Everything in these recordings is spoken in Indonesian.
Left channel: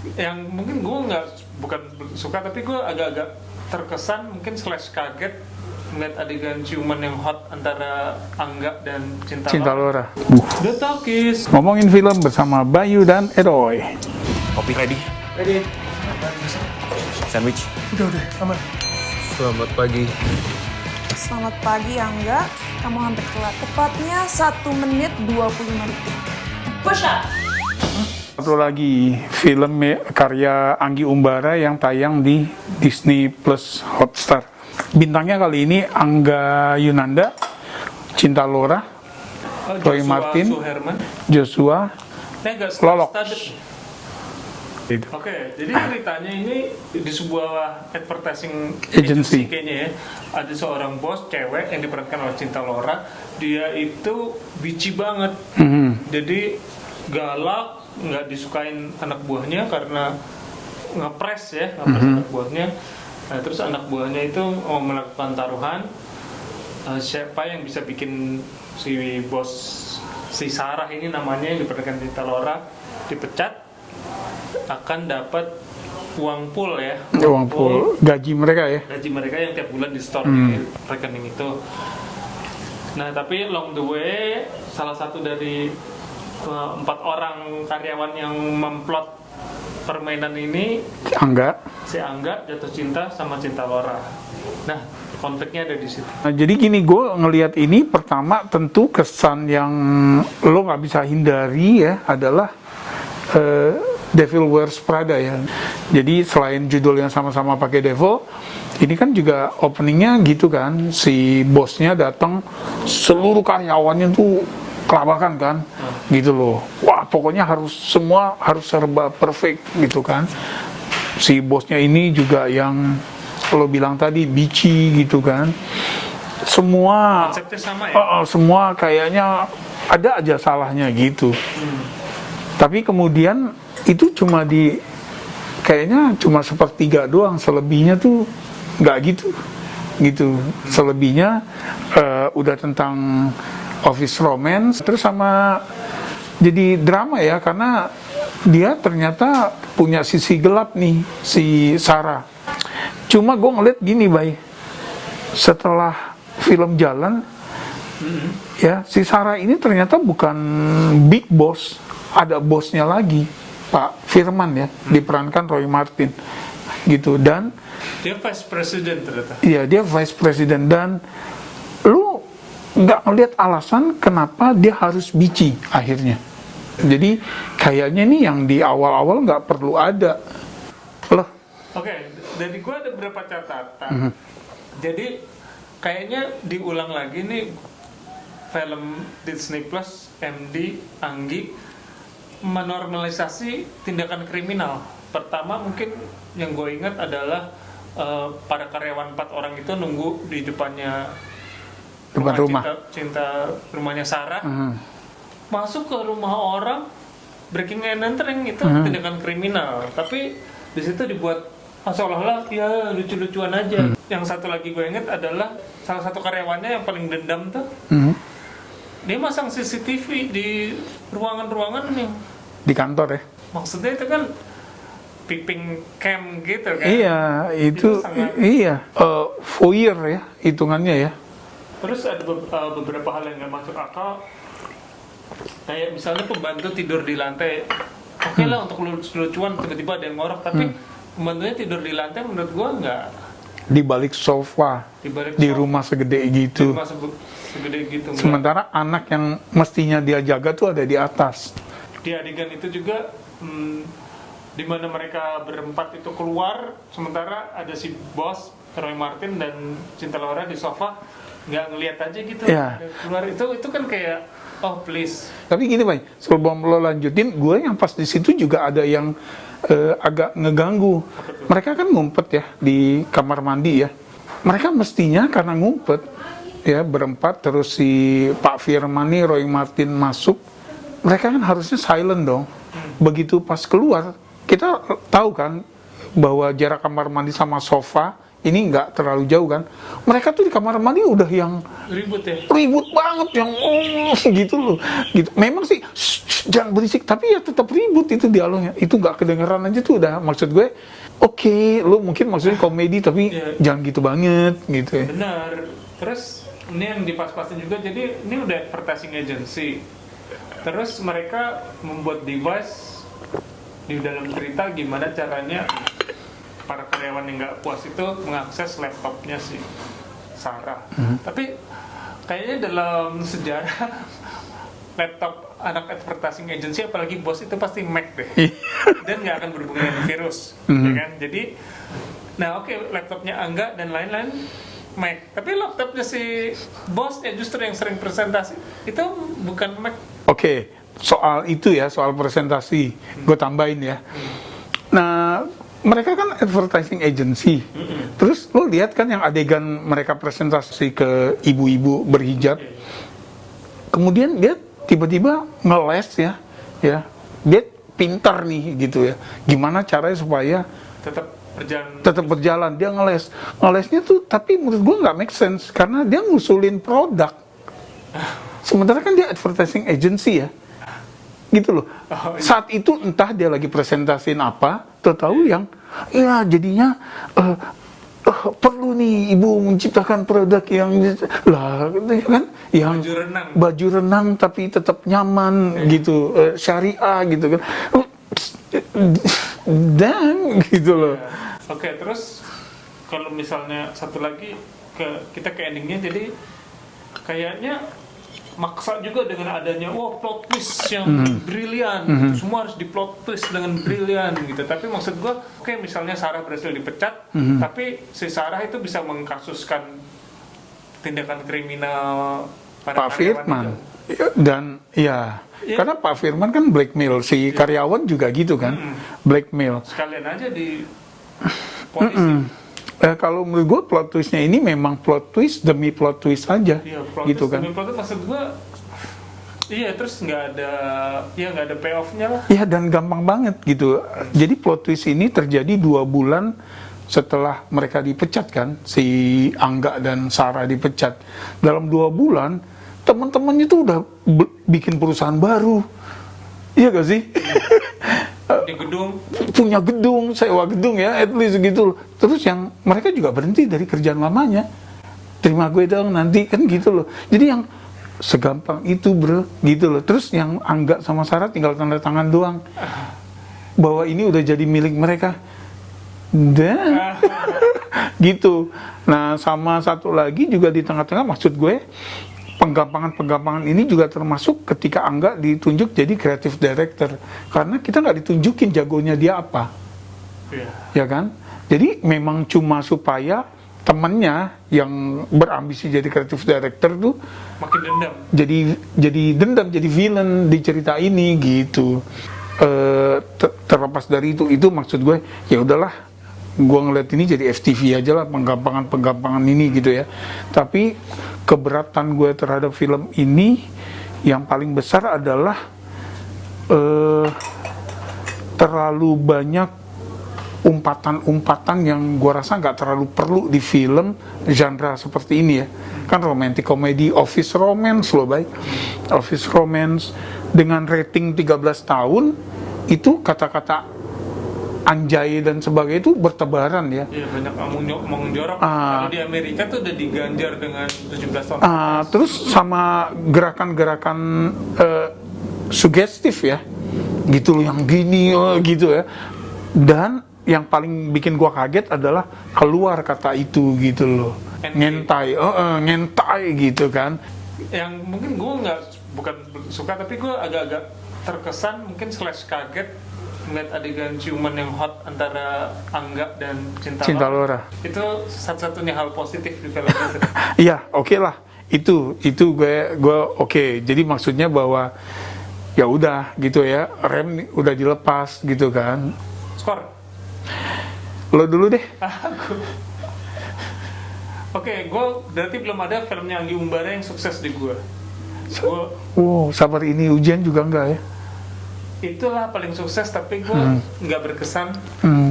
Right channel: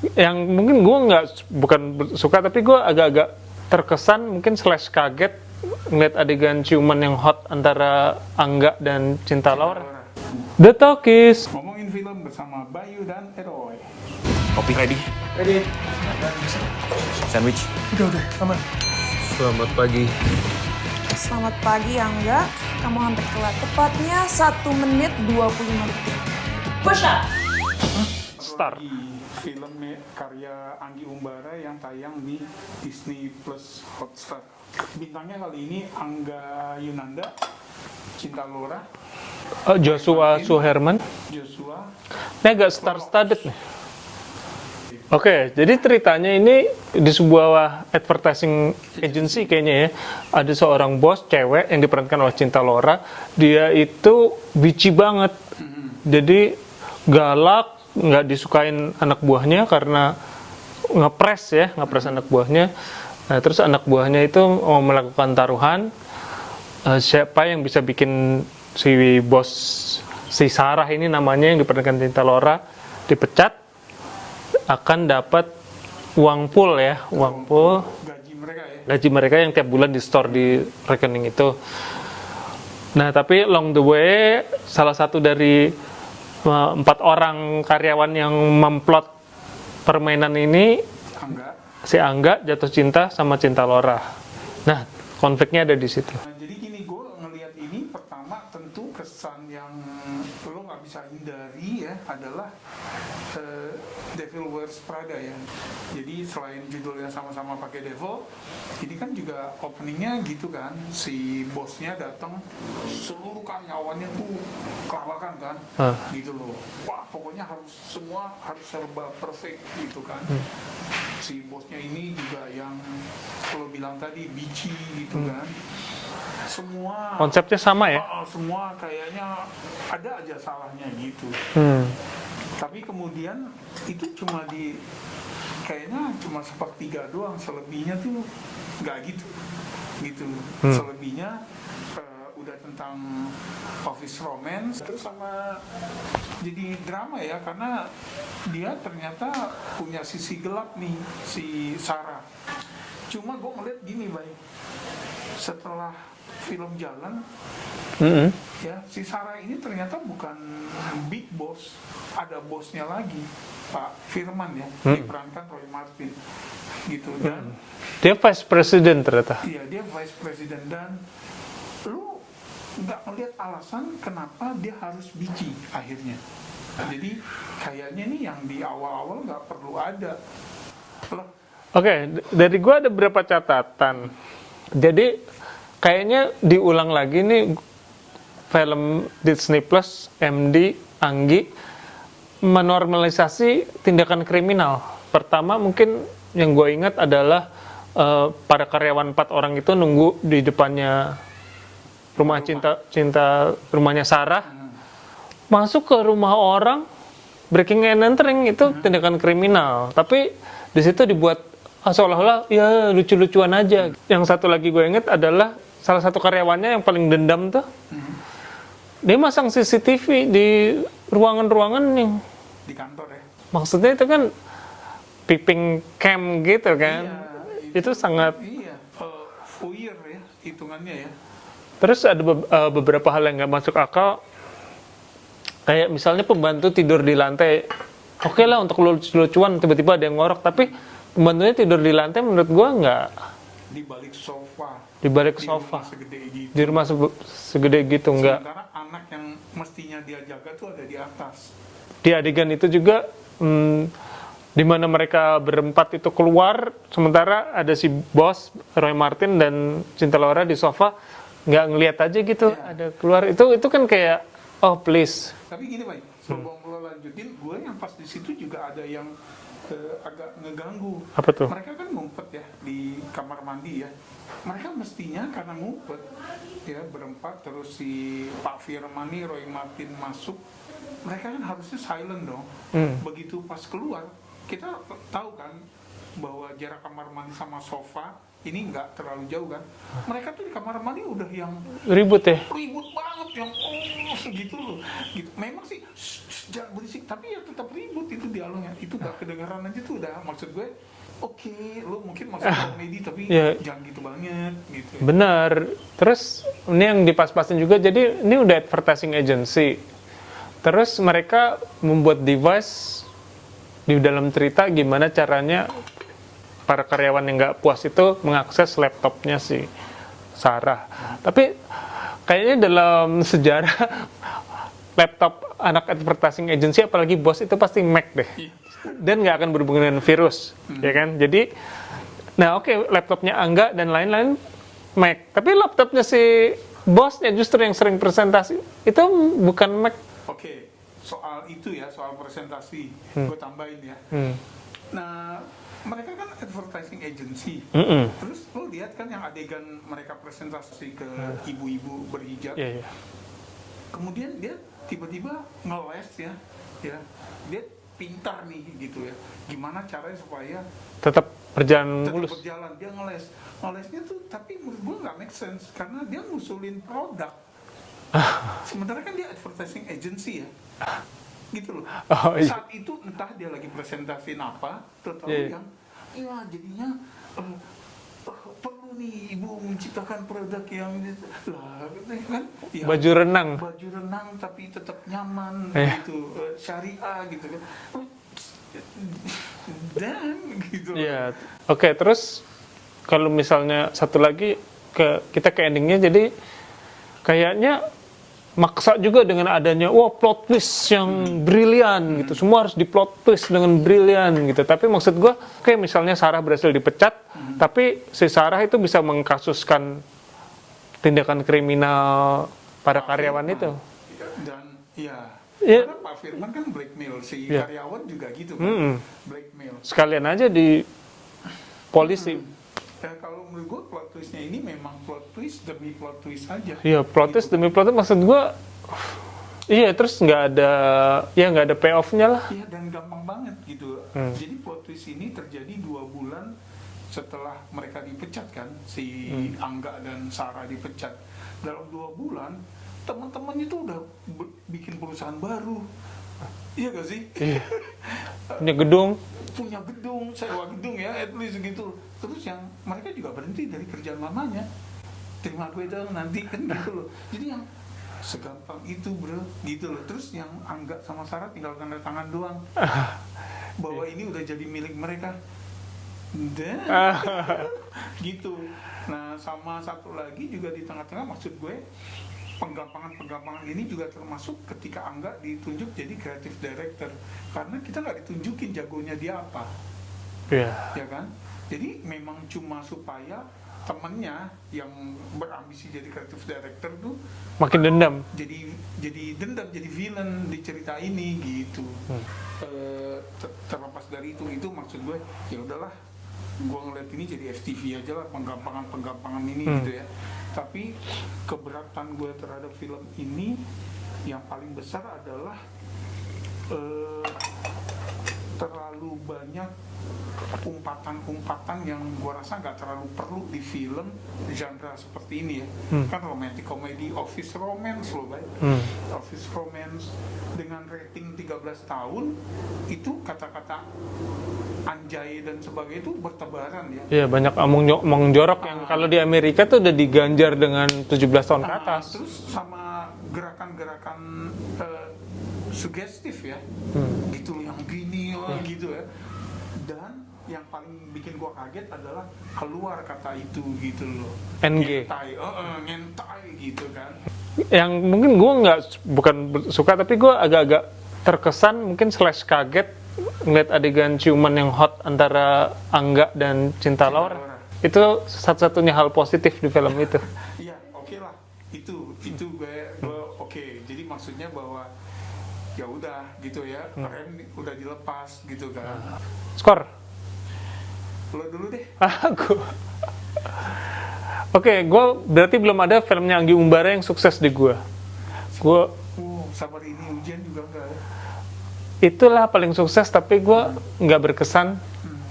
Yang mungkin gue bukan suka, tapi gue agak-agak terkesan mungkin / kaget ngeliat adegan ciuman yang hot antara Angga dan Cinta Laura. The Talkies. Ngomongin film bersama Bayu dan Edoy. Kopi ready? Ready. Sandwich? Udah, aman. Selamat pagi. Selamat pagi Angga, kamu hampir telat. Tepatnya 1 menit 25 detik. Push up! Satu lagi film karya Anggi Umbara yang tayang di Disney Plus Hotstar. Bintangnya kali ini Angga Yunanda, Cinta Laura, Roy Joshua Martin, Suherman. Joshua. Ini agak star-studded nih. Oke, jadi ceritanya ini di sebuah advertising agency kayaknya ya. Ada seorang bos cewek yang diperankan oleh Cinta Laura. Dia itu bitchy banget. Jadi galak, nggak disukain anak buahnya karena ngepres anak buahnya. Nah, terus anak buahnya itu mau melakukan taruhan. Siapa yang bisa bikin si bos, si Sarah ini namanya yang diperankan Cinta Laura, dipecat, akan dapat uang pool ya, Uang pool gaji mereka yang tiap bulan di store di rekening itu. Nah, tapi along the way salah satu dari 4 orang karyawan yang memplot permainan ini, si Angga jatuh cinta sama Cinta Laura. Nah, konfliknya ada di situ. Nah, jadi gini, gue ngelihat ini pertama tentu kesan yang lo nggak bisa hindari ya adalah Devil Wears Prada ya. Jadi selain judul yang sama-sama pakai devil, ini kan juga openingnya gitu kan, si bosnya datang, seluruh karyawannya tuh kelabakan kan, gitu loh. Wah, pokoknya semua harus serba perfect gitu kan. Si bosnya ini juga yang lo bilang tadi bitchy gitu kan. Semua Konsepnya sama ya? Semua kayaknya ada aja salahnya gitu. Tapi kemudian itu kayaknya cuma sepertiga doang, selebihnya tuh nggak gitu. Selebihnya udah tentang office romance, terus sama jadi drama ya, karena dia ternyata punya sisi gelap nih, si Sarah. Cuma gue ngeliat gini, Bay, setelah film jalan, ya si Sarah ini ternyata bukan big boss, ada bosnya lagi, Pak Firman ya, diperankan Roy Martin, gitu. Dan dia vice president ternyata. Iya, dia vice president, dan lu nggak ngeliat alasan kenapa dia harus bitchy akhirnya. Jadi kayaknya nih yang di awal-awal nggak perlu ada loh. Oke, dari gua ada beberapa catatan. Jadi kayaknya diulang lagi nih film Disney Plus MD Anggi menormalisasi tindakan kriminal. Pertama mungkin yang gue ingat adalah para karyawan 4 orang itu nunggu di depannya rumah. Cinta rumahnya Sarah, masuk ke rumah orang, breaking and entering, itu tindakan kriminal. Tapi di situ dibuat seolah-olah ya lucu-lucuan aja. Yang satu lagi gue inget adalah salah satu karyawannya yang paling dendam tuh, dia masang CCTV di ruangan-ruangan yang di kantor ya. Maksudnya itu kan peeping cam gitu kan. Iya, itu sangat voyeur ya hitungannya ya. Terus ada beberapa hal yang nggak masuk akal, kayak misalnya pembantu tidur di lantai. Oke lah, untuk lucu-lucuan tiba-tiba ada yang ngorok, tapi pembantunya tidur di lantai menurut gua nggak. Di balik sofa, di sofa. rumah segede gitu. Di rumah segede gitu enggak. Sementara anak yang mestinya dia jaga tuh ada di atas. Di adegan itu juga di mana mereka berempat itu keluar, sementara ada si bos Roy Martin dan Cinta Laura di sofa, nggak ngelihat aja gitu, ada keluar. Itu kan kayak oh please. Tapi gini, Bay, sebelum lo lanjutin, gue yang pas di situ juga ada yang agak ngeganggu. Apa tuh? Mereka kan ngumpet ya di kamar mandi ya. Mereka mestinya karena ngumpet ya berempat, terus si Pak Firman nih, Roy Martin masuk, mereka kan harusnya silent dong. Begitu pas keluar, kita tahu kan bahwa jarak kamar mandi sama sofa ini nggak terlalu jauh kan. Mereka tuh di kamar mandi udah yang Ribut ya. ribut banget, yang gitu loh. Gitu. Memang sih jangan berisik, tapi ya tetap ribut itu dialognya. Itu nggak kedengeran aja tuh udah. Maksud gue, oke, lu mungkin maksudnya komedi tapi Ya. jangan gitu banget gitu ya. Benar. Terus ini yang dipas-pasin juga, jadi ini udah advertising agency. Terus mereka membuat device di dalam cerita gimana caranya para karyawan yang nggak puas itu mengakses laptopnya si Sarah. Tapi kayaknya dalam sejarah laptop anak advertising agency, apalagi bos, itu pasti Mac deh. Dan nggak akan berhubungan dengan virus, ya kan? Jadi, nah oke, laptopnya Angga dan lain-lain Mac. Tapi laptopnya si bosnya justru yang sering presentasi itu bukan Mac. Oke, soal itu ya, soal presentasi, gue tambahin ya. Nah, mereka kan advertising agency. Terus lo lihat kan yang adegan mereka presentasi ke ibu-ibu berhijab. Iya, iya. Kemudian dia tiba-tiba ngeles ya. Dia pintar nih gitu ya. Gimana caranya supaya Tetap berjalan. tetap berjalan, dia ngelesnya tuh, tapi menurut gue nggak make sense karena dia ngusulin produk, sementara kan dia advertising agency ya, gitu loh. Oh, iya. Saat itu entah dia lagi presentasiin apa, tahu yang ya jadinya perlu nih ibu menciptakan produk yang lah kan, yang baju renang tapi tetap nyaman gitu, syariah gitu kan. Dan gitu loh. Iya. Oke, terus kalau misalnya satu lagi kita ke endingnya, jadi kayaknya maksa juga dengan adanya plot twist yang brilian gitu. Semua harus di plot twist dengan brilian gitu. Tapi maksud gue, oke, misalnya Sarah berhasil dipecat, tapi si Sarah itu bisa mengkasuskan tindakan kriminal para Pak karyawan Firman. itu. Dan ya, karena Pak Firman kan blackmail si karyawan juga gitu kan, blackmail. Sekalian aja di polisi. Kalau menurut gue plot twistnya ini memang plot twist demi plot twist aja. Iya, plot gitu twist demi plot twist, maksud gue. Iya, terus nggak ada payoff-nya lah. Iya, dan gampang banget gitu. Jadi plot twist ini terjadi 2 bulan setelah mereka dipecat kan, si Angga dan Sarah dipecat. Dalam 2 bulan teman-temannya tuh udah bikin perusahaan baru. Iya gak sih? Punya gedung, sewa gedung ya, at least gitu. Terus yang mereka juga berhenti dari kerjaan lamanya. Terima gue dong nanti, kan gitu loh. Jadi yang segampang itu bro, gitu loh. Terus yang Angga sama Sarah tinggal tanda tangan doang. Bahwa ini udah jadi milik mereka. Dan gitu. Nah, sama satu lagi juga di tengah-tengah, maksud gue, penggampangan ini juga termasuk ketika Angga ditunjuk jadi creative director, karena kita nggak ditunjukin jagonya dia apa, ya kan? Jadi memang cuma supaya temennya yang berambisi jadi creative director tuh makin dendam, jadi dendam, jadi villain di cerita ini gitu. Terlepas dari itu maksud gue, ya udahlah, gue ngeliat ini jadi FTV aja lah, penggampangan ini gitu ya. Tapi keberatan gue terhadap film ini yang paling besar adalah terlalu banyak umpatan-umpatan yang gue rasa nggak terlalu perlu di film genre seperti ini ya. Kan romantic comedy, office romance loh, baik. Office romance dengan rating 13 tahun itu kata-kata anjay dan sebagainya itu bertebaran ya. Iya, banyak omong jorok. Kalau di Amerika tuh udah diganjar dengan 17 tahun atas. Terus sama gerakan-gerakan sugestif ya, gitu loh, yang gini gitu ya. Dan yang paling bikin gua kaget adalah keluar kata itu gitu loh, ngentai, ngentai gitu kan. Yang mungkin gua bukan suka, tapi gua agak-agak terkesan, mungkin / kaget ngeliat adegan ciuman yang hot antara Angga dan Cinta Laura. Itu satu-satunya hal positif di film itu. Iya, oke lah. Itu gue oke. Jadi maksudnya bahwa ya udah gitu ya, rem udah dilepas gitu kan. Skor. Lo dulu deh. Aku. Oke, gue berarti belum ada filmnya Anggi Umbara yang sukses di gue. Sabar ini ujian juga enggak ya? Itulah paling sukses, tapi gue nggak berkesan. 4.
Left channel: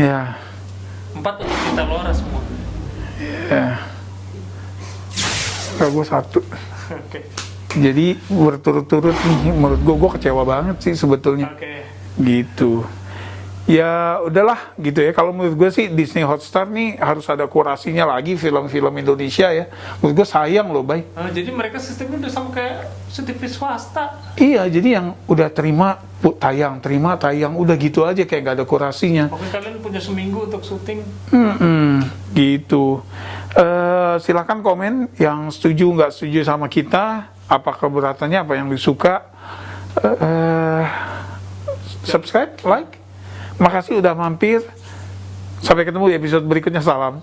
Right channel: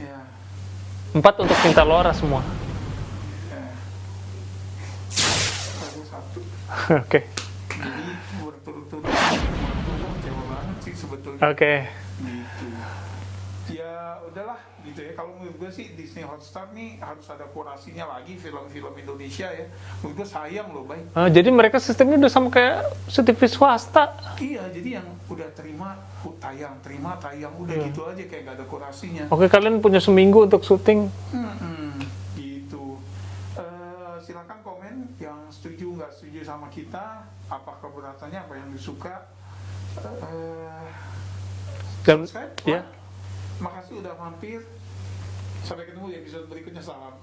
Ya. 4 untuk Cinta Laura semua. Ya. Kalau gue 1. Oke. Jadi berturut-turut nih, menurut gue kecewa banget sih sebetulnya. Oke. Gitu. Ya udahlah gitu ya. Kalau menurut gue sih Disney Hotstar nih harus ada kurasinya lagi film-film Indonesia ya. Menurut gue sayang loh, Bay. Jadi mereka sistemnya udah sama kayak TV swasta. Iya, jadi yang udah terima tayang, udah gitu aja kayak gak ada kurasinya. Oke, kalian punya seminggu untuk syuting. Gitu. Silakan komen yang setuju nggak setuju sama kita, apa keberatannya, apa yang disuka. Subscribe, like. Makasih udah mampir. Sampai ketemu di episode berikutnya. Salam.